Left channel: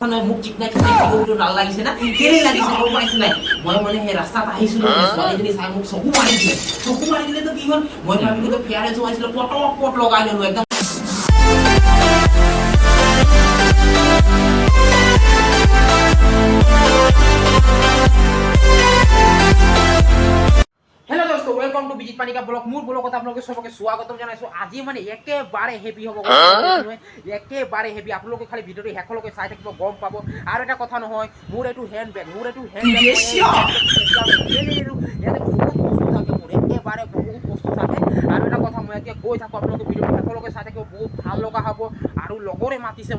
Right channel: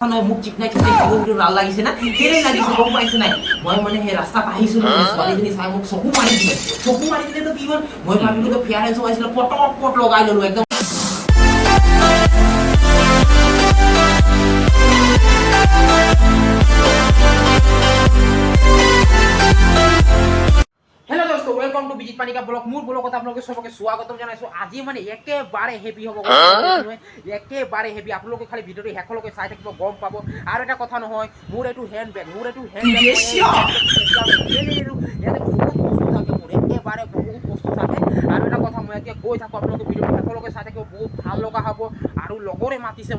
নাই মুখ চিকনাই চিকনাই লাল লাগিছে না কেলে লাগিছে গম পাইছ নাই মই মানে সেই ৰাস্তাত আহিছিলো ছোৱালীজনী চাই মোক চকু মাৰি দিলে তো কি হ'ল মই ভাবিলো ফেয়াৰ এজো আহিছিল পট লগাই ললো একদম वेलकम टू विजिट पानिका ब्लॉग मोर ब्लॉगत आपलोके सबके स्वागतम जनाइছো আজি মানে একেবারে হেভি হ'ব একেবারে হেভি आपलोके খালি ভিডিওটো হেকলকে চাই থাকিব গম পাব আৰু এটা কথা নহয় মোর এটু হ্যান্ডব্যাগ ইয়াতে বহুত বস্তু থাকে মোর একেবারে বহুত বস্তু থাকে আৰু এটা কথা মই এতিয়া কৈ থাকো आपलोके ভিডিওটো হেকলকে চাই থাকিব বহুত ভাল লগা হ'ব আৰু লগৰে মাতিছে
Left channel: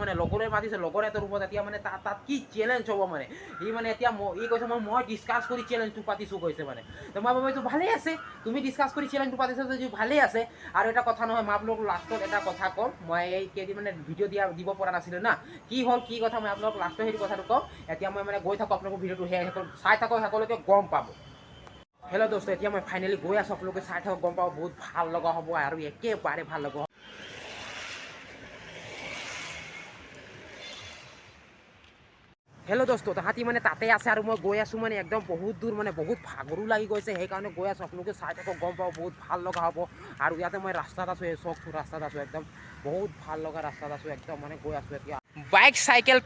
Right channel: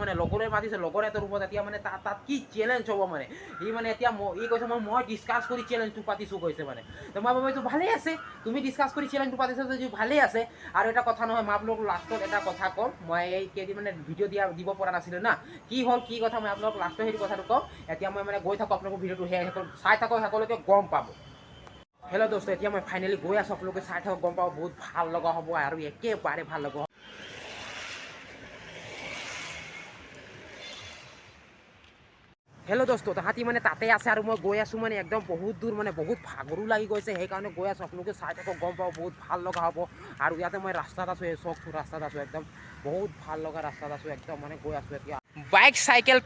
লগৰে এত ৰূপত এতিয়া মানে তাত কি চ্যালেঞ্জ হ'ব মানে ই মানে এতিয়া ই কৈছে মই ডিসকাস কৰি চ্যালেঞ্জটো পাতিছো কৈছে মানে তো মই ভাবিছো ভালে আছে তুমি ডিসকাস কৰি চ্যালেঞ্জটো পাতিছা যদি ভালে আছে আৰু এটা কথা নহয় মই আপোনালোক লাষ্টত এটা কথা কম মই এই কেদি মানে ভিডিও দিব পৰা নাছিল না কি হল কি কথা মই আপোনালোক লাষ্টত হেৰি কথাটো কম এতিয়া মই মানে গৈ থাকো আপোনালোক ভিডিওটো চাই থাকো সকলোকে গম পাব हेलो दोस्तों এতিয়া মই ফাইনালি গৈ আছো আপোনালোকে চাই থাকক গম পাব বহুত ভাল লগা হ'ব আৰু একেবাৰে ভাল লগা हेलो दोस्तों ताहाती माने ताते आसे और मैं गई आसो माने एकदम बहुत दूर माने बहुत भागरू लगी गई से कारण गई आसो आपलोके चाई थाको गम पाओ बहुत ভাল লগা हबो और इते मैं रास्ता आसो चौक रास्ता आसो एकदम बहुत ভাল লগা रास्ता आसो एकदम माने गई आसो एतिया बाइक साइकेल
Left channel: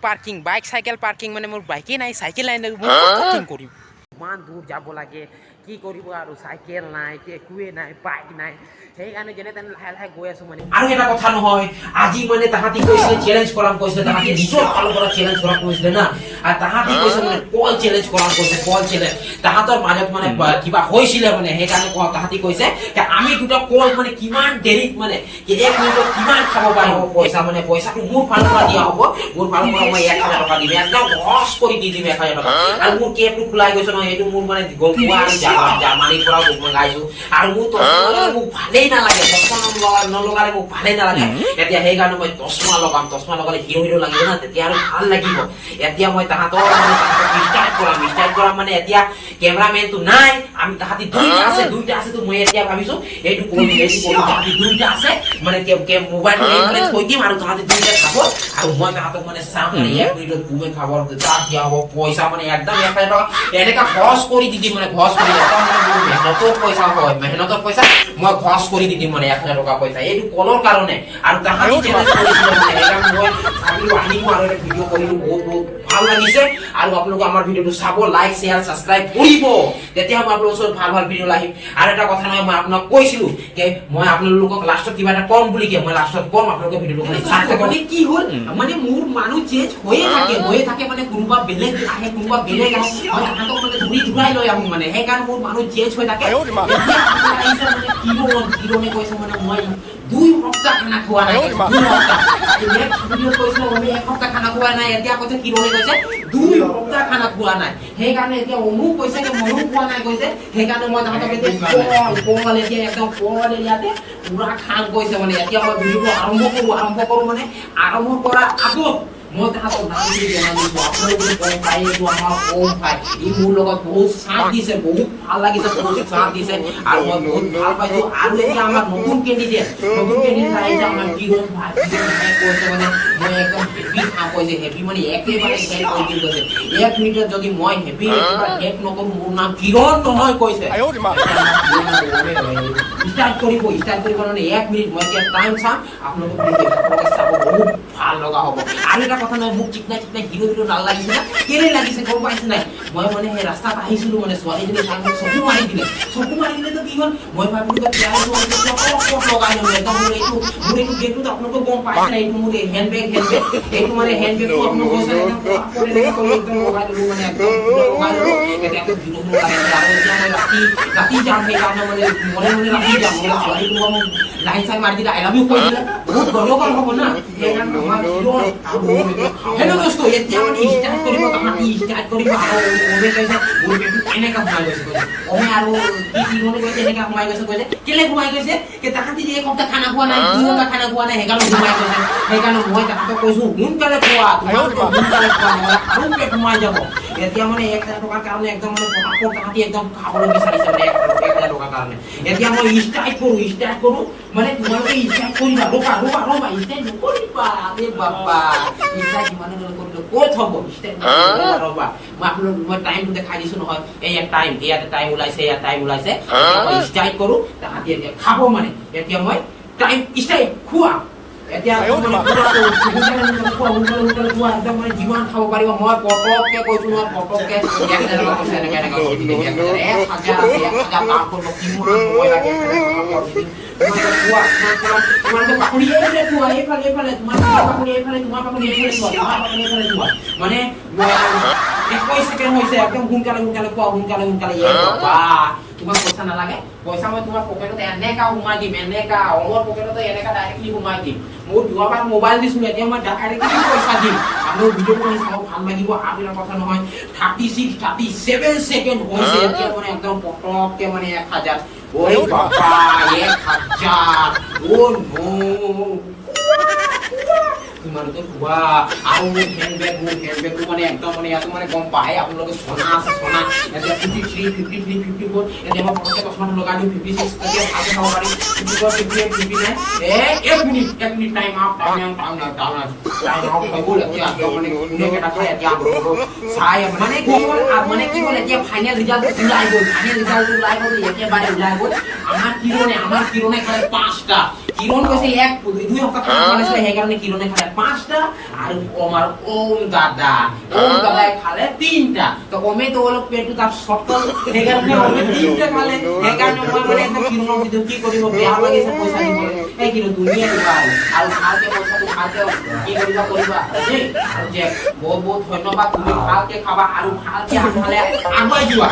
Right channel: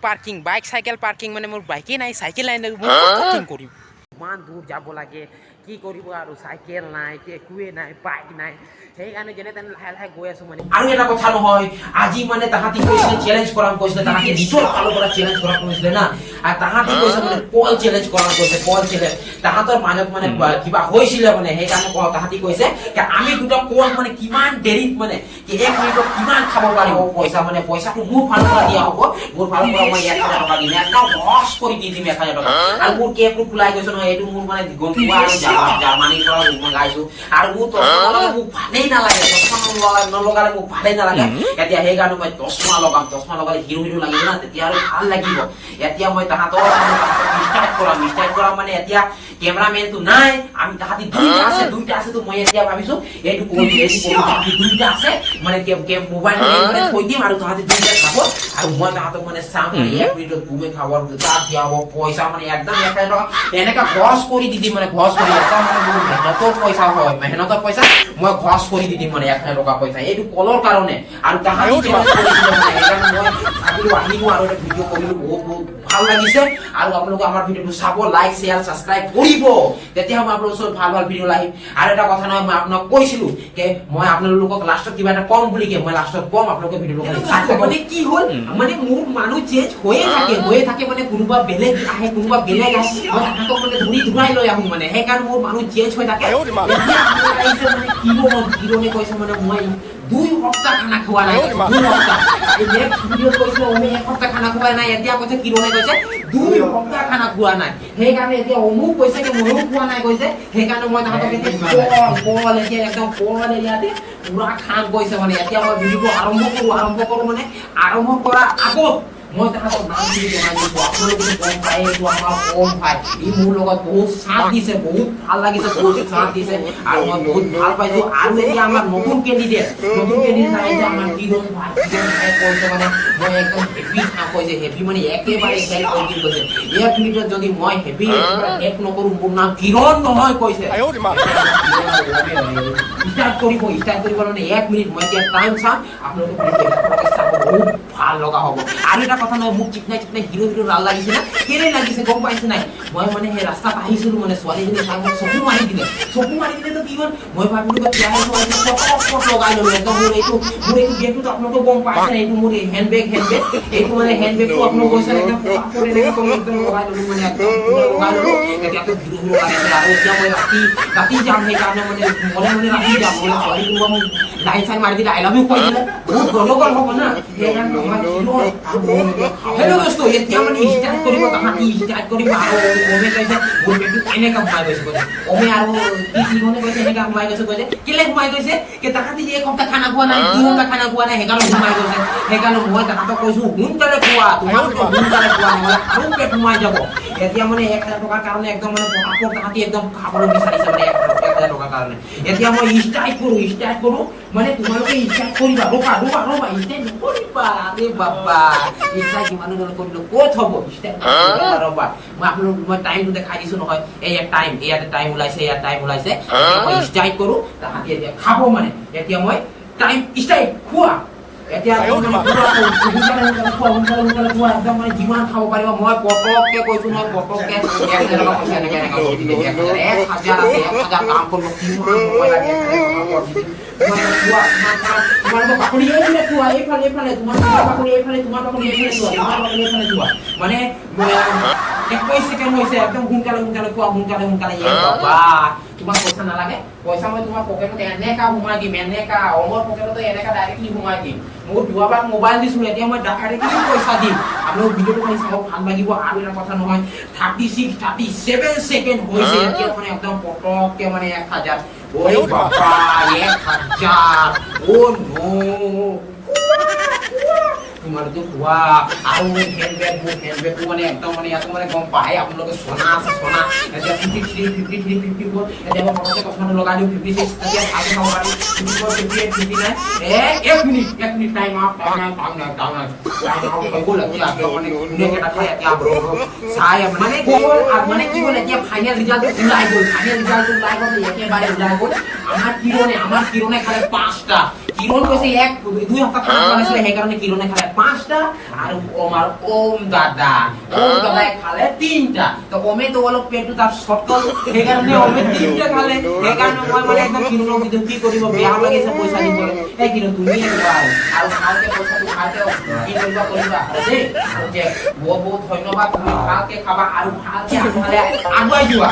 पार्किंग माने मोर बाइके नाइ साइकेल लाइन पार्किंग करिम मान दूर যাব লাগে কি কৰিব আৰু সাইকেল নাই একোৱে নাই বাইক নাই সেই কাৰণে যেনে তেনে লাহে গৈ আছো মানে আৰু এটা কথা নহয় আজি মানে তাহাতি কৈছিল চ্যালেঞ্জ কৰাম কৈছিল তাহাতি নিশ্চয় ভালো কৰা চ্যালেঞ্জ কৰাম কৈছিল না আৰু তাহাতি কৈছিল মানে কল চ্যালেঞ্জ কৰাম কৈছিল কল চ্যালেঞ্জ তাহাতৰ মাজত মানে কিবা হৈছিল মানে সেই কাৰণে তাহাতি কৈছে যে আমি দুটা কল মানে কিমান দেৰিত মানে কি এক মিনিটত কিমান খাব পাৰিব পইচা মানে পইচাটো মোৰ ফালৰ পৰা দিয়া হ'ব মোৰ ফালৰ পৰা মই 1000 টকা দিম একদম লস কৰি দি দিম 1000 টকা আৰু মোৰ কেপটো খুলাই গৈছে নহয় এটো মোৰ মানে গলপুৱা জাৰ্মানী পৰা মগাইছো আৰু মোৰ তো মোক ভালেই নালাগে নলগালে মোক ভালেই নালাগে এতিয়া সেই কাৰণে মই চশমা লগালে হিৰো লাগিব না তেতিয়া আৰু ভাল লাগিব এতিয়া মই তাহাতৰ স্টাৰ্ট কৰা মানে এতিয়া ক্যামেৰামেন তো নাই আমি তাহাতি দুইটা আছে তো মই এতিয়া ভাবিছো এটো দুইটা আছে মানে মোবাইল মানে থৈ দিম আৰু তাহাতি দুইটা খাব আৰু মই তাহাতক মানে চাম এক মিনিটত ঘুমে খাবৰ তাত দিয়া হ'ব পইচা মানে একদম 1000 টকা এনেকা খৰচ কৰি দি দিম মানে খৰচ কৰি একদম মেহনতৰ পইচা হয় মেহনতৰ পইচা মই খৰচ কৰি দি দিম মানে 1000 টকা পইচা এইটো কলৰ কাৰণে আৰু তাহাতি মই আৰু এটা ভিডিও কৰিলো বহুত ভাল লাগিছে আৰু আপোনালোক আমাৰ ভিডিওটো চাব লাইক শেয়াৰ সাবস্ক্ৰাইব কৰিব তেতিয়া মই আপোনালোকৰ ওচৰত ভাল ভিডিও লাহিম আৰু এটা কথা নহয় মই আপোনাক কৈছিলো যে মই আপোনালোকক লাষ্টত কিবা এটা কম বুলি মই লাষ্টত কম আপোনালোকে ভিডিওটো চাই থাকক মানে কি হ'ল মানে মোৰ মানুহ চেঞ্জ হৈয়ে থাকে মানে কোনোবা বেলেগ আহে তাহাতক মানে ঘূৰাই লৈ আহো মানে সেই কাৰণে মোৰ মানুহ চেঞ্জ হৈ থাকে কিৰণে কৈছে মানে মই 2 সপ্তাহ খানা খোৱা নাই সপ্তাহ খানা খোৱা নাই এতিয়া কৈছে কিৰণে কৈছে 2 সপ্তাহ খানা খোৱা নাই সেই কাৰণে এতিয়া অমুক কৈছে যে ময়ো খোৱা নাই কৈছে সেই কাৰণে মই তাহাতক এতিয়া একদম কল এৰিয়াতে পুৰা খান কৈছে মানে এতিয়া মই ভিডিওটো আৰম্ভ কৰো মানে আৰম্ভ কৰা আগত মই তাহাতক নাম দি জনাইছো আপোনালোকে কম পাই এইটো আমাৰ কম ভাই ই মোৰ লগত বহুত সাথ দিছে বহুত ভাল লাগিছে বহুত সাথ দিছে আৰু মই বহুত ভাল পাইছো আৰু এতিয়া আমাৰ নতুন ক্যান্ডিডেট আহিছে আমাৰ কিৰণ ভাই কৈছে মানে মই একদম হেভি কাম কৰিছে হেভি মানে একেবাৰে চাই কৰি কৈছে এক মিনিটত যদি মই হেভি এক নকৰো মোৰ নাম কিৰণ নহয় কৈছে স্টাৰ্ট কৰিব মানে 1 মিনিট মই এতিয়া টাইম চাম আপোনালোকে চাব বহুত ভাল লগা হ'ব আৰু এটা কথা নহয় মুখ চিকনাই হিৰো লাল লাগিছে না কেলে লাগিছে গম পাইছ নাই মই মানে সেই ৰাস্তাত আহিছিলো মানে ছোৱালীজনী চাই মোক চকু মাৰি দিলে তো কি হ'ল মই ভাবিলো যে পট লগাই ললো একদম মোৰ এইটো গেটটো আপোনালোকে গম পাইছে না এইটো মোৰ হ্যান্ডব্যাগ এইটো মানে হ্যান্ডব্যাগটো আপোনালোকে কৈছে একদম লগাই ললো মানে এতিয়া তো হিৰো ৰাতি যাম সেই কাৰণে মানে মনে ৰাতি যাম ছোৱালীটো লাইন চাইন মাৰি দিলে আই লাভ ইউ কৈ দিলে বহুত গলগল হ'ব না हेलो दोस्तों এতিয়া মানে স্টার্ট কৰিব তাহাতি স্টাৰ্ট কৰিব আৰু ওবে কৈছে মোৰ বেটু এনেকা ঘুমাই গৈছে ওবে আৰু কি মনে কৈছে এনেকা ঘুমাই গৈছে কেলে ঘুমাই গৈছে কে তাহাতি যে এক সপ্তাহ খানা খোৱা নাই 2 সপ্তাহ খানা খোৱা নাই হেকানো ঘুমাই গৈছে হেকানো মই তাহাতক কৈছো সোনকালে খোৱা সোনকালে খোৱা আৰু পেট ঘুমাই যাব এতিয়া মানে 1000 টকাৰ কাৰণে একদম মানে পটাপট তাহাতি একদম খাবলৈ বিচাৰিছে মানে 1000 টকা কাৰণে এতিয়া মই ষ্টাৰ্ট কৰো মানে তোমালোকে ষ্টাৰ্ট কৰিবা ৰবা ষ্টাৰ্ট কৰিবা আৰে বাবা ষ্টাৰ্ট কিমান দূৰ কৰিলো ক'ত হ'ব ষ্টাৰ্ট ৰবা মই টাইমটো দেখাই দিছো নহয় ইয়াতে টাইম ওলাইছে ষ্টাৰ্ট কৰো তাহাঁতি এতিয়া খাব মানে এতিয়া মই টাইম ষ্টাৰ্ট খোৱা এতিয়া মই যিমান খাব পাৰিব মই পটককে কৈছো নহয় পটককে মানে 21 সেকেন্ড হৈছে একদম সোনকালে কোৱা সোনকালে তোমাক পইচা নালাগে পইচা মই তোমাৰ পকেটত এনেকা সোমাই দিম এনেকা অমৰ পকেটত এনেকা ডাইৰেক্টলি সোমাই দিম মোৰ দুবাৰ মোবাইল দিছো এতিয়া মই ডাইৰেক্টলি পইচা দিম আৰু ভিডিঅ'টো চাব ভাল লাগিব আৰু এটা কথা নহয় 37 সেকেন্ড হৈছে এতিয়া মানে একদম পটককে মানে 1000 ওই বাবা 1000 ও নো তোমার তো হুয়া আর ও হ্যান্ডব্যাগ মানে একদম মানে এত মানে কম পায় আপনাদের সোনা আছে সোনা এটা 53 53 54 এটা আমার পকেটে কসমাটো লগাই দিও 56 এটা আগে খাওয়া পারে 54 58 59 এক মিনিট টাইম আপ বলে কি আছে এটা খায় কি আপ সাই মানে কি বলে যে ফাইনাল রেজাল্ট জুলাই গো একেবারে জুলাই গো আমার কিরণে খালি 5টা কিরণ কইছে এক 2 সপ্তাহ খাইছে সেই কারণে কিরণে খালে 5টা আর আমার ওম দাদা খালে 3টা তো ওমে তো অলপ পেটু তার শর্টকাট সেই কারণে ওমে 3টা খালে সেই কারণে মই মানে একদম কিরণ ভিডিও কি করিব বিয়া লাগিছে পয়সা দিব এই কিরণ দুনিয়া ভাই আর ভালকে পয়সা তো ভালকে কি করিবা এই যে বহুত ধন্যবাদ তুমি ভালকে খাবা আর ভালকে আনলে আগুৱাই যোৱা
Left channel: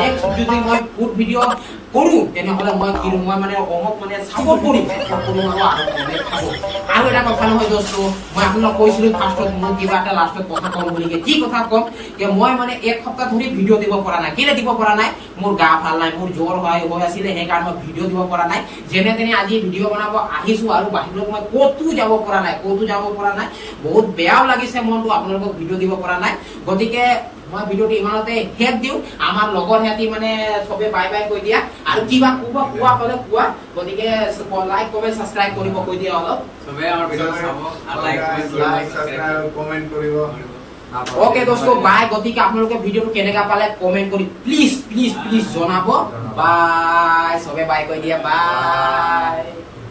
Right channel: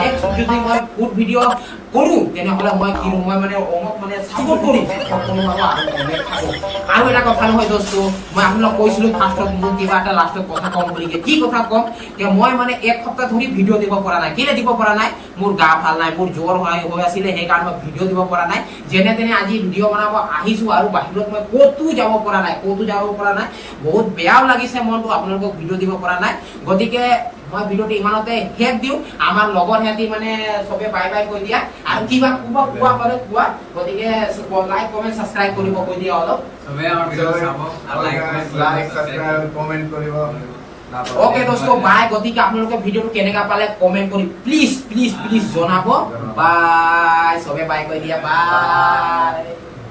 নেক্সট যদি মই ফুড ভিডিও কৰো তেনেহলে মই কি মই মানে অমক মানে সাপোৰ্ট কৰি আৰু এটা কথা নহয় দোস্ত মই আপোনাক কৈছিলো ফাৰ্ষ্টত মোৰ কিবা এটা লাষ্টত কথা কম বুলি কি কথা কম যে মই মানে এক সপ্তাহ ধৰি ভিডিও দিব পৰা নাই কেলে দিব পৰা নাই মোৰ গা ভাল নাই মোৰ জ্বৰ হৈ আছিল সেই কাৰণে ভিডিও দিব পৰা নাই যেনে তেনে আজি ভিডিও বনাব আহিছো আৰু বাহিৰত মই ক'তো যাব পৰা নাই বহুত বেয়াও লাগিছে মনটো আপোনালোকক ভিডিও দিব পৰা নাই গতিকে মই ভিডিওটি ইমানতে হেড দিও আমাৰ লগৰ হেতি মানে সবে বাই কৈ দিয়া আৰু কিবা কোৱা হলে কোৱা গতিকে লাইক কমেন্ট সাবস্ক্ৰাইব কৰিব কৈ দিয়া অলপ সবে আমাৰ ভিডিও চাব আৰু লাইক সাবস্ক্ৰাইব কমেন্ট কৰিব ওকে দোস্ত বাই গতিকে আপোনালোকে ভিডিওটো কেনেকা পালে কমেন্ট কৰি প্লিজ জনাব বাই সবে বাই কৈ দিয়া বাই